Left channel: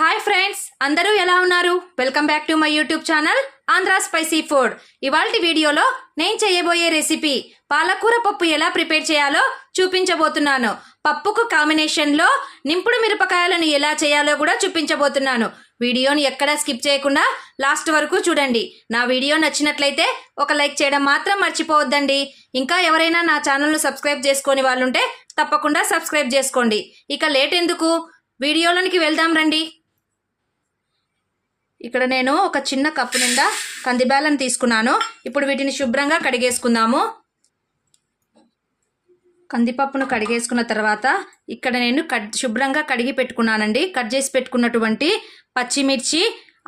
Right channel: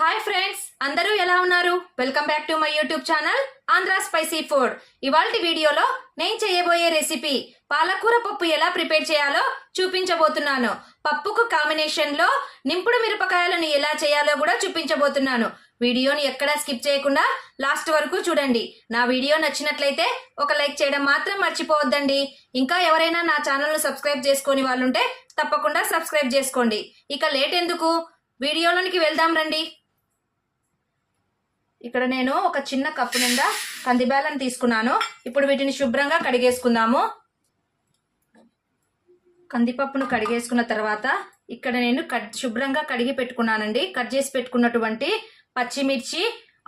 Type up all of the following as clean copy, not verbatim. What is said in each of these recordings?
Hi friends, అందరూ ఎలా ఉన్నారు? Welcome back to my YouTube channel Andhra spicy food. ఇవాల్టి వీడియోలో నేను చేయబోయే రెసిపీ పాలకూర పప్పు ఎలా ప్రిపేర్ చేయాలో చూపించబోతున్నాను. పప్పుకు కాంబినేషన్లో నింపుడు మిరపకాయలను ఎలా చేయాలో కూడా చూపించబోతున్నాను. వీడియోని ఎక్కడా స్కిప్ చేయకుండా లాస్ట్ వరకు చూడండి. నా వీడియో నచ్చినట్లయితే ఒక లైక్ చేయడం మాత్రం మర్చిపోవద్దండి. ఇంకా ఎవరైనా నా ఛానల్ను సబ్స్క్రైబ్ చేసుకొని వాళ్ళుంటే తప్పకుండా సబ్స్క్రైబ్ చేసుకోండి. ఇక లేట్ ఎందుకు, వీడియోలోనికి వెళ్దాం రండి. ఇక్కడ నేను ఒక చిన్న కప్పు నిండా కందిబ్యాలను తీసుకున్నాను. ఇప్పుడు వీటిని శుభ్రంగా కడిగేసుకుందాము. కందిపప్పును కడిగేసుకున్న తర్వాత ఇక్కడ నేను శుభ్రంగా కడిగి పెట్టుకున్నానండి. కట్ చేసి పెట్టుకున్నటువంటి పచ్చిమిర్చి,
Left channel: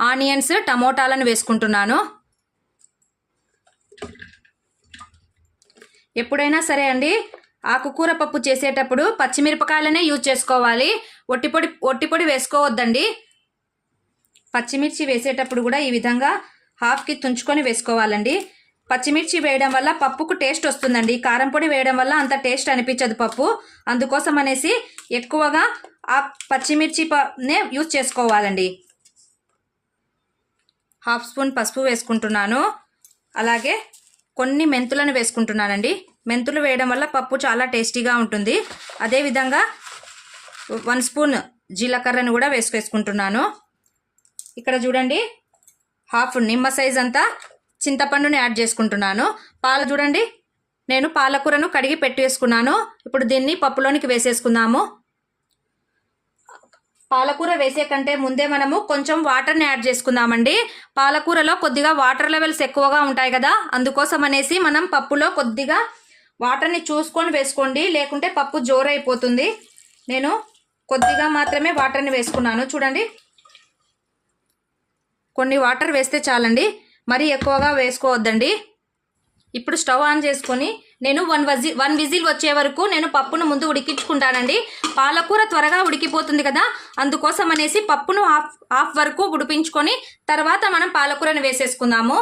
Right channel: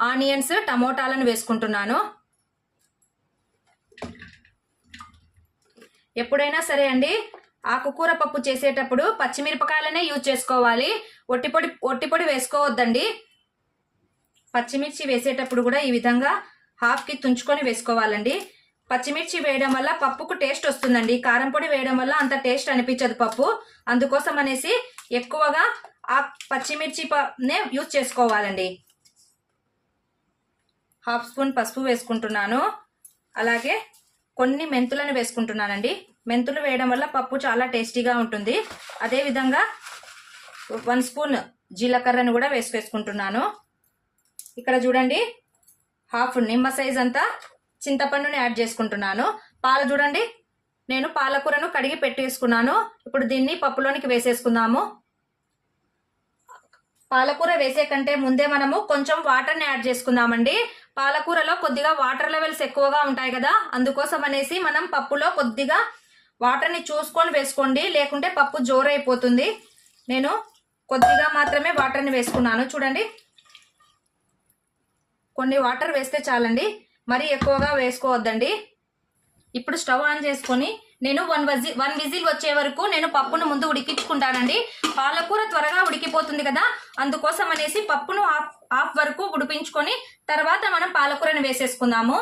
ఆనియన్స్, టమోటాలను వేసుకుంటున్నాను. ఎప్పుడైనా సరే అండి, ఆకుకూర పప్పు చేసేటప్పుడు పచ్చిమిరపకాయలనే యూజ్ చేసుకోవాలి. ఒట్టిపొడి వేసుకోవద్దండి. పచ్చిమిర్చి వేసేటప్పుడు కూడా ఈ విధంగా హాఫ్కి తుంచుకొని వేసుకోవాలండి. పచ్చిమిర్చి వేయడం వల్ల పప్పుకు టేస్ట్ వస్తుందండి. కారం పొడి వేయడం వల్ల అంత టేస్ట్ అనిపించదు పప్పు. అందుకోసం అనేసి ఎక్కువగా ఆ పచ్చిమిర్చినే యూజ్ చేసుకోవాలండి. హాఫ్ స్పూన్ పసుపు వేసుకుంటున్నాను. అలాగే కొన్ని మెంతులను వేసుకుంటున్నానండి. మెంతులు వేయడం వల్ల పప్పు చాలా టేస్టీగా ఉంటుంది. అదేవిధంగా 1 స్పూన్ జీలకర్రను కూడా వేసుకుంటున్నాను. ఇక్కడ చూడండి, హాఫ్ నిమ్మ సైజ్ అంతా చింతపండుని యాడ్ చేసుకుంటున్నాను. పాలు చూడండి, నేను పాలకూరను కడిగి పెట్టేసుకున్నాను. ఇప్పుడు దీన్ని పప్పులోనికి వేసేసుకుందాము. పాలకూర వేసే కంటే ముందే మనము కొంచెం వాటర్ని యాడ్ చేసుకుందామండి. పాలకూరలో కొద్దిగా వాటర్ లెవెల్స్ ఎక్కువగా ఉంటాయి కదా, అందుకోసం అనేసి మనం పప్పులో కొద్దిగా వాటర్ని చూసుకొని వేసుకోండి, లేకుంటే పప్పు జోరైపోతుంది. నేను కొద్దిగా మాత్రమే వాటర్ని వేసుకున్నాను. చూడండి, కొన్ని వాటర్ వేస్తే చాలండి, మరీ ఎక్కువగా వేసుకోవద్దండి. ఇప్పుడు స్టవ్ ఆన్ చేసుకొని నేను 1 విజిల్ వచ్చే వరకు నేను పప్పును ముందు ఉడికించుకుంటానండి. పాలకూర త్వరగా ఉడికిపోతుంది కదా, అందుకోసం అనేసి పప్పును హాఫ్ వరకు ఉడిపించుకొని తర్వాత మనం పాలకూరని వేసేసుకుందాము.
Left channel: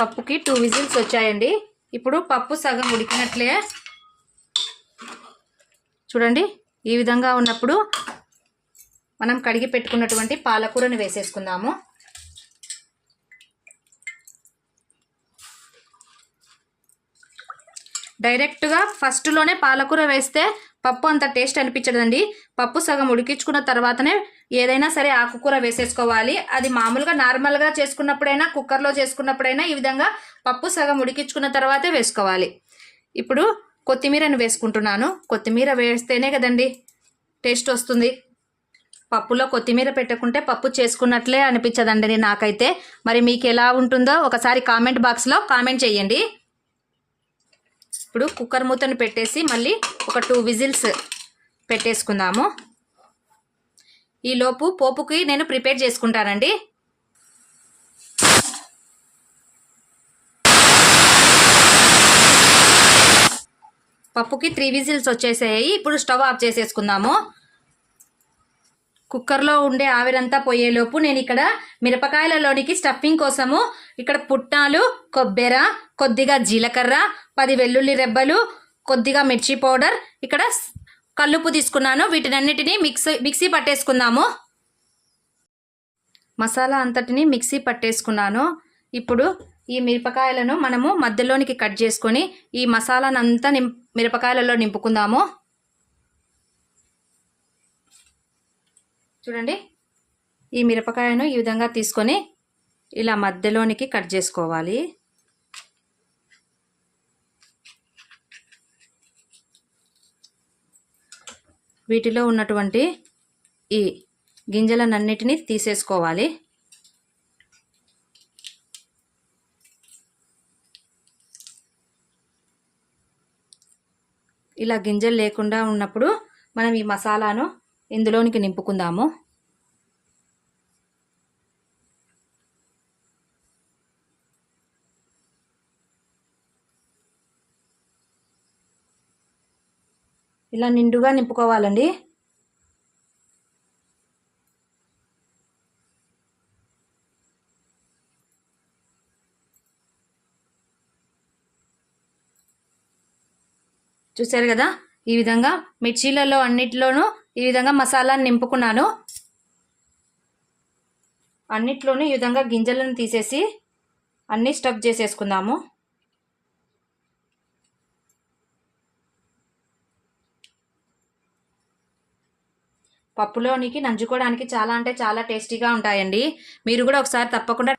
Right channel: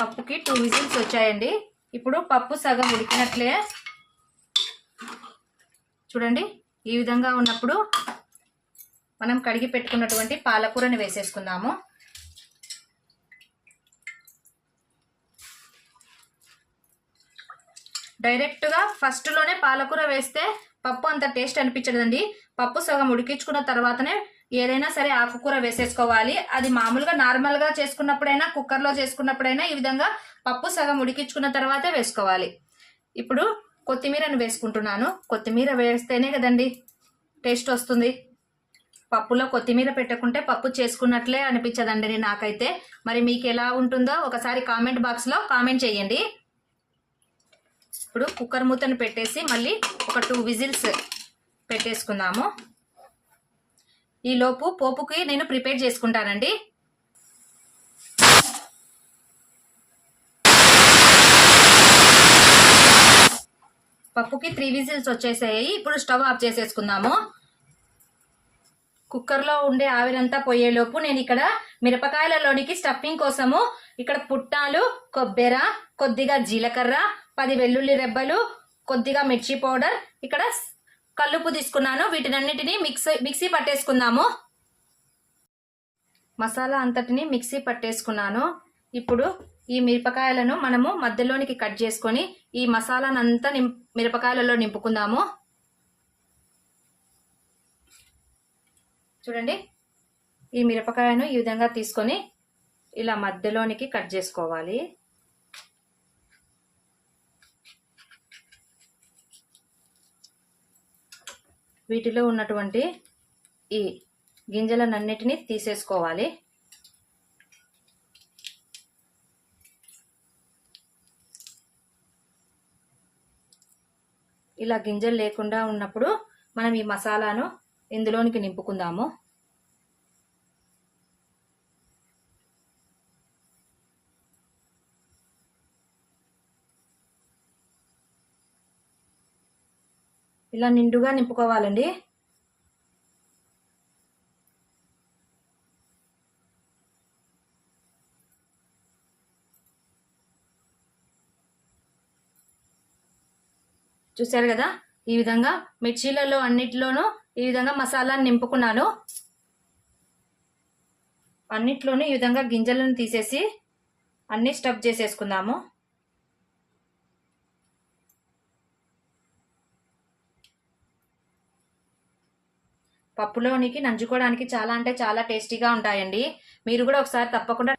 పప్పుకి 2 విజిల్స్ వచ్చాయండి. ఇప్పుడు పప్పు సగం ఉడికినట్లే చూడండి. ఈ విధంగా ఉన్నప్పుడు మనం కడిగి పెట్టుకున్నటువంటి పాలకూరని వేసేసుకుందాము. డైరెక్ట్గా ఫస్ట్లోనే పాలకూర వేస్తే పప్పు అంత టేస్ట్ అనిపించదండి. పప్పు సగం ఉడికించుకున్న తర్వాతనే ఏదైనా సరే ఆకుకూర వేసేసుకోవాలి. అది మామూలుగా నార్మల్గా చేసుకున్నప్పుడైనా, కుక్కర్లో చేసుకున్నప్పుడైనా ఈ విధంగా పప్పు సగం ఉడికించుకున్న తర్వాతే వేసుకోవాలి. ఇప్పుడు కొత్తిమీరను వేసుకుంటున్నాను. కొత్తిమీర వేస్తేనే కదండి టేస్ట్ వస్తుంది. పప్పులో కొత్తిమీర పెట్టకుంటే పప్పు చేసుకున్నట్లే అనిపించదండి నాకైతే. మరి మీకు ఎలా ఉంటుందో ఒకసారి కామెంట్ బాక్స్లో కామెంట్ చేయండి. ఇప్పుడు కుక్కర్ మూతను పెట్టేసి మళ్ళీ ఒక 2 విజిల్స్ పెట్టేసుకుందాము. ఈలోపు పోపుకి నేను ప్రిపేర్ చేసుకుంటానండి. పప్పుకి 3 విజిల్స్ వచ్చేసాయి. ఇప్పుడు స్టవ్ ఆఫ్ చేసేసుకుందాము. కుక్కర్లో ఉండే ఆవిరంతా పోయేలోపు నేను ఇక్కడ మిరపకాయలలోనికి స్టఫింగ్ కోసము ఇక్కడ పుట్నాలు, కొబ్బెర, కొద్దిగా జీలకర్ర, 10 వెల్లుల్లి రెబ్బలు, కొద్దిగా మిర్చి పౌడర్, ఇక్కడ కల్లుప్పు తీసుకున్నాను. వీటినన్నిటినీ మిక్సీ పట్టేసుకుందాము. మసాలా అంతటిని మిక్సీ పట్టేసుకున్నాను. ఇప్పుడు ఈ మిరపకాయలను మనము మధ్యలోనికి కట్ చేసుకొని ఈ మసాలానంతా మిరపకాయలలో నింపుకుందాము. చూడండి, ఈ మిరపకాయను ఈ విధంగా తీసుకొని ఇలా మధ్యలోనికి కట్ చేసుకోవాలి. వీటిలో ఉన్నటువంటి ఈ గింజలనన్నిటినీ తీసేసుకోవాలి. ఇలా గింజలు లేకుండా ఉన్నప్పుడు మనం ఈ మసాలాను ఇందులోనికి నింపుకుందాము. ఇలా నిండుగా నింపుకోవాలండి. చూసారు కదా, ఈ విధంగా మిర్చీలలో అన్నిట్లోనూ ఈ విధంగా మసాలాను నింపుకున్నాను. అన్నిట్లోనూ ఈ విధంగా గింజలను తీసేసి అన్నీ స్టఫ్ చేసేసుకుందాము. పప్పులోనికి నంచుకోవడానికి చాలా అంటే చాలా టేస్టీగా ఉంటాయండి. మీరు కూడా ఒకసారి తప్పకుండా.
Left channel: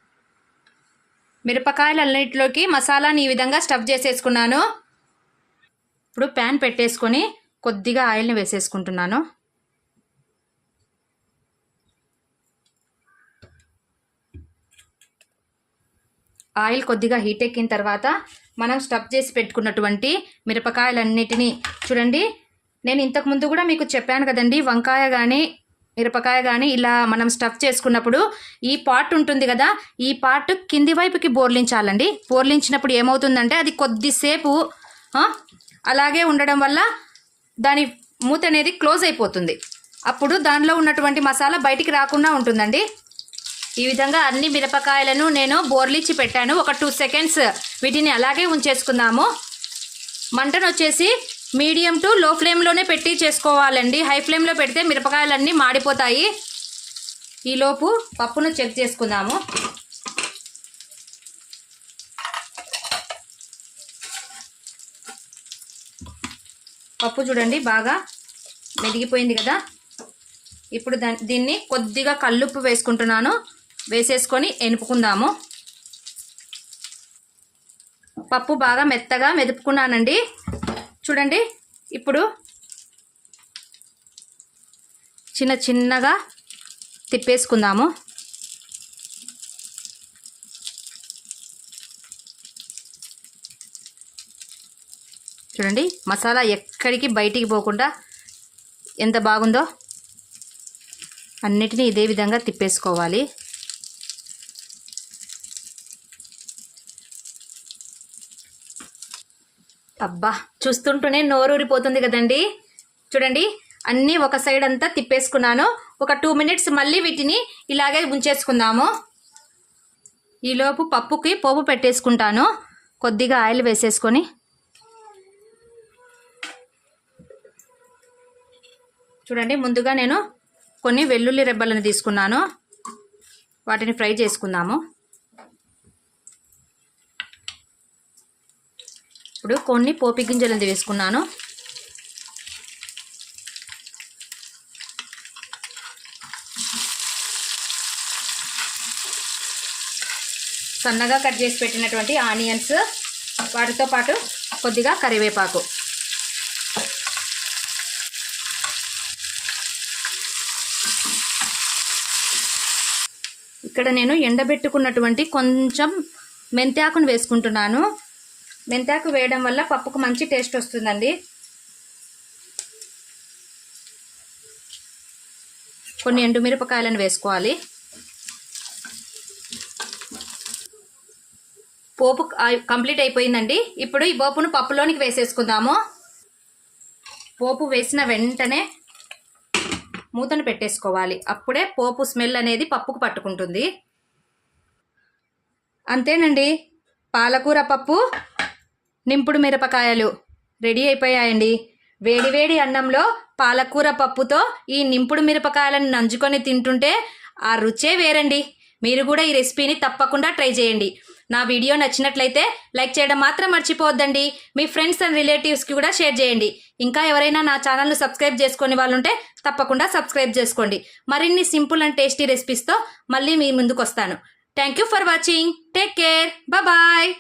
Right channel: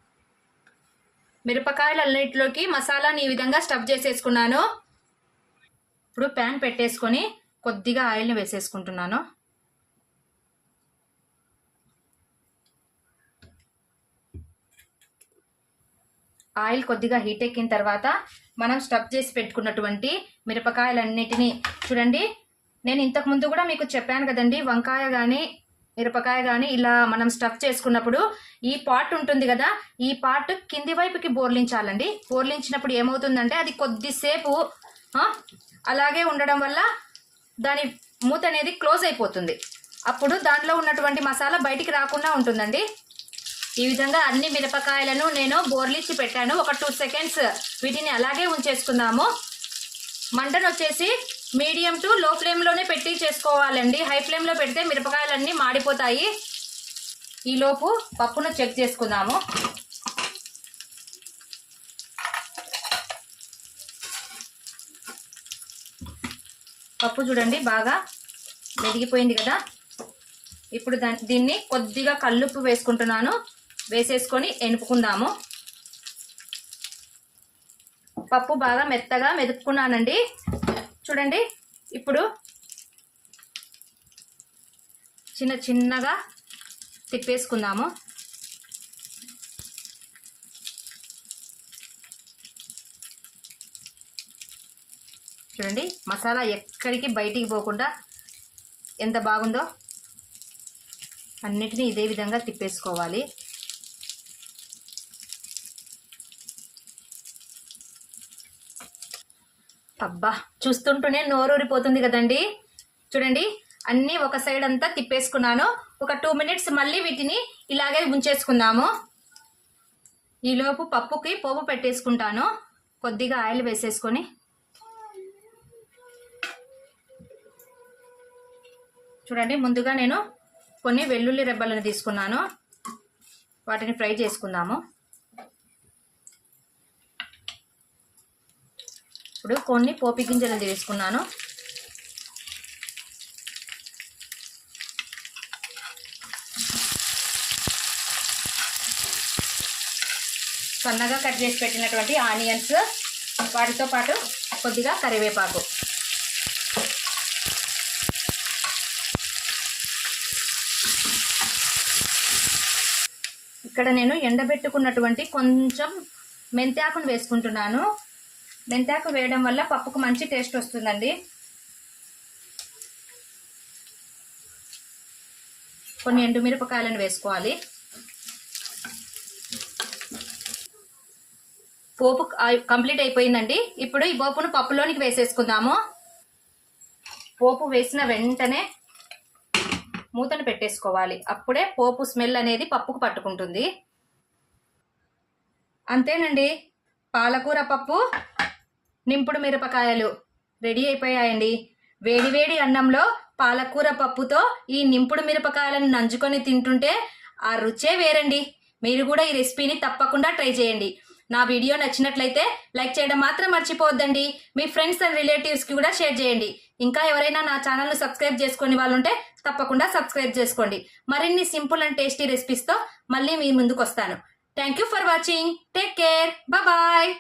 మిరపకాయలన్నిటిలోకి మసాలాని ఈ విధంగా స్టఫ్ చేసేసుకున్నాను. ఇప్పుడు ప్యాన్ పెట్టేసుకొని కొద్దిగా ఆయిల్ని వేసేసుకుంటున్నాను. ఆయిల్ కొద్దిగా హీట్ ఎక్కిన తర్వాత మనం స్టఫ్ చేసి పెట్టుకున్నటువంటి మిరపకాయలన్నిటినీ చూడండి. నేను ఇంతకుముందు కూడా మీకు చెప్పాను కదండి, వంకాయ కానీ మిరపకాయ కానీ ఇలా మనం స్టఫ్ చేసుకున్నప్పుడు ఈ పార్ట్ ఉంటుంది కదా, ఈ పార్ట్ కింది వైపుకి బోర్లించాలండి. బోర్లించినప్పుడు ఏమవుతుందంటే అది కొద్దిసేపు అలాగే ఉండడం వల్ల దాని మూత అనేది క్లోజ్ అయిపోతుంది. అప్పుడు దానిలో ఉన్నటువంటి మసాలా బయటికి రాకుండా ఉంటుందండి. ఈ విధంగా అన్ని మిరపకాయలను నేను బోర్లించి పెట్టాను. ఒక 2 సెకండ్స్ వీటిని అలాగే ఉంచేసుకుందాము. మంటను వచ్చేసి మీడియం టు లో ఫ్లేమ్లోనే పెట్టి చేసుకోవాలండి. హై ఫ్లేమ్లో పెడితే మిరపకాయలన్నీ మాడిపోతాయి. ఈలోపు పప్పును చెక్ చేసుకుందాము. పప్పు చూడండి బాగా మెదిగిపోయింది కదా. ఇప్పుడు దీన్ని కొద్దిగా కల్లుప్పు వేసుకుంటున్నాను. వేసేసుకొని ఎనుపుకుందాము. పప్పు బాగా మెత్తగా మెదుపుకున్నానండి. చూడండి ఇప్పుడు చిన్నగా తిప్పేసుకుందాము. చూడండి మసాలా ఎక్కడికి బయటికి పోకుండా ఎంత బాగుందో. అన్నిటినీ ఇదే విధంగా తిప్పేసుకోవాలి. అబ్బా చూస్తుంటూనే నోరూరిపోతుంది కదండి. చూడండి అన్నీ ఒక సైడ్ అంతా తిప్పేసుకున్నాను. ఒక 2 మినిట్స్ మళ్ళీ వీటిని ఇలాగే ఉంచేసుకుందాము. ఈలోపు పప్పుకి పోపు పెట్టేసుకుంటాను. కొద్దిగా ఆయిల్ వేసేసుకొని చూడండి ముందుగా నేను కొన్ని వెల్లుల్లి రెబ్బలను తీసుకున్నాను. వాటిని ఫ్రై చేసుకుందాము. ఇప్పుడు కొన్ని పోపు గింజలను వేసుకున్నాను. సన్నగా కట్ చేసి పెట్టినటువంటి ఆనియన్స్, వాటితో పాటు కొద్దిగా కరివేపాకు. ఇక్కడ నేను ఎండబెట్టుకున్నటువంటి కొంచెం మెంతాకును వేసుకుంటున్నాను. మెంతాకు వేయడం వల్ల పప్పుకు మంచి టేస్ట్ వస్తుందండి. కొన్ని ఎండుమిరపకాయలను వేసుకోవాలి. పోపు కంప్లీట్ అయిపోయిందండి. ఇప్పుడు ఈ పోపును పప్పులోనికి వేసేసుకుందాము. పోపు వేసిన వెంటనే మూతను పెట్టేసుకోవాలి. అప్పుడే పోపు స్మెల్ అనేది పప్పుకు పట్టుకుంటుంది. అంతేనండి, పాలకూర పప్పు నింపుడు మిరపకాయలు రెడీ అయిపోయాయండి. వేడివేడి అన్నంలో పాలకూర పప్పుతో ఈ నింపుడు మిరపకాయలను నంచుకొని తింటుంటే ఆ రుచే వేరండి. మీరు కూడా ఈ రెసిపీని తప్పకుండా ట్రై చేయండి. నా వీడియో నచ్చినట్లయితే లైక్ చేయడం మాత్రం మర్చిపోవద్దండి. మీ ఫ్రెండ్స్ అండ్ రిలేటివ్స్కి కూడా షేర్ చేయండి. ఇంకా ఎవరైనా నా ఛానల్ను సబ్స్క్రైబ్ చేసుకునే వాళ్ళు ఉంటే తప్పకుండా సబ్స్క్రైబ్ చేసుకోండి. మరిన్ని సింపుల్ అండ్ టేస్టీ రెసిపీస్తో మళ్ళీ మీ ముందుకు వస్తాను. Thank you for watching. Take care. Bye.